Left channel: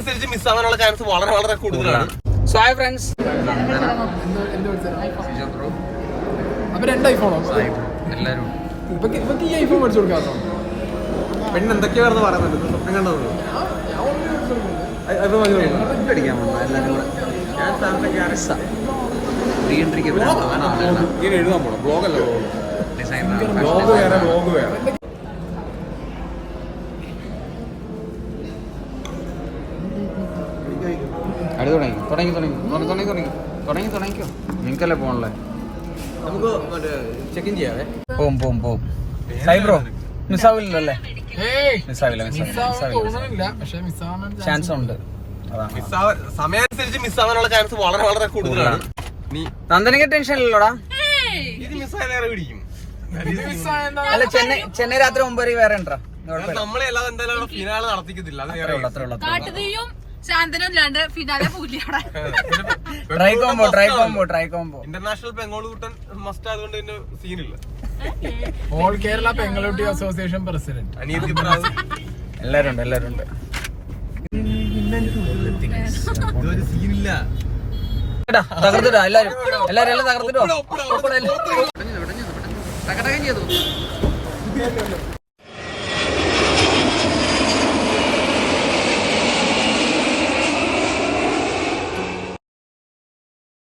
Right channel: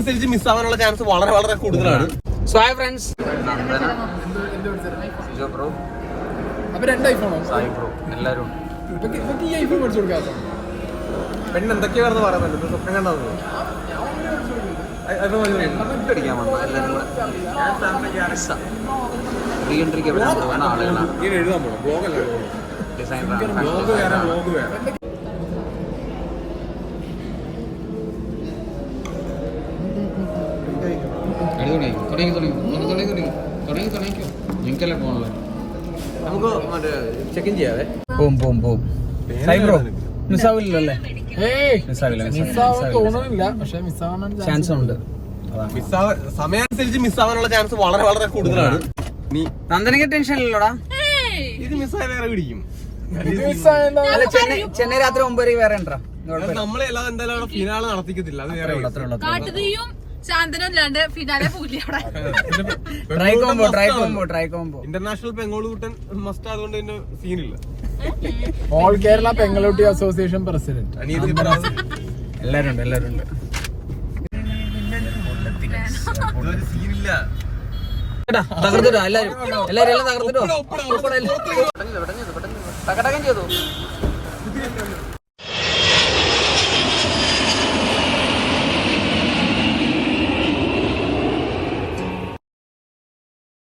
അനുസരിച്ച് മിസ് ആവാനുള്ള ചാൻസ് വളരെ വളരെ കൂടുതലാണ് സോ ഹൈ ഫ്രണ്ട്സ് പെണ്ണ് എന്തൊക്കെയാണെന്ന് പറയുന്നുണ്ട് സ്വപ്നം കണ്ടത് ഡിസൈനർ തുടങ്ങി തുടങ്ങി തുടങ്ങി തുടങ്ങി തുടങ്ങി തുടങ്ങി തുടങ്ങിക്കോ നിങ്ങൾക്കല്ലേ പോണല്ലേ നമുക്ക് മറ്റേ ചെക്കിൻ ചെയ്യാവേ പോവും പോവും പോവും സൈബ്രോ മിസ് ആവില്ലല്ലേ ചാൻസ് ഉണ്ട് സമയമനുസരിച്ച് മിസ് ആവാനുള്ള ചാൻസ് വളരെ വളരെ കൂടുതലാണ് നീ നന്ദനക്ക് ടെൻഷൻ ഇല്ലടാ ഇത് മിസ് പിടിക്കും അല്ല ചെന്നൈ ചെന്നൈ രാത്രി ഒമ്പത് വരെ ഉണ്ടോ നമ്മളെ എല്ലാം എന്തായാലും ഫിനാൾ നടത്തിക്കത്തില്ല അത് വേറെ അത്ര ശാന്തനുണ്ട് finale try combo try combo try combo international പെങ്ങോളൂട്ടൻ must ആയതുകൊണ്ട് തന്നെ സീനില്ല ഓൾ കേരള പെങ്ങളൂട്ടി അസോസിയേഷൻ പ്രസിഡന്റ് എല്ലാരും എല്ലാരും തകർത്തിട്ടോ എല്ലാരും എല്ലാരും എല്ലാം തകർത്തിട്ടോ ചെയ്തു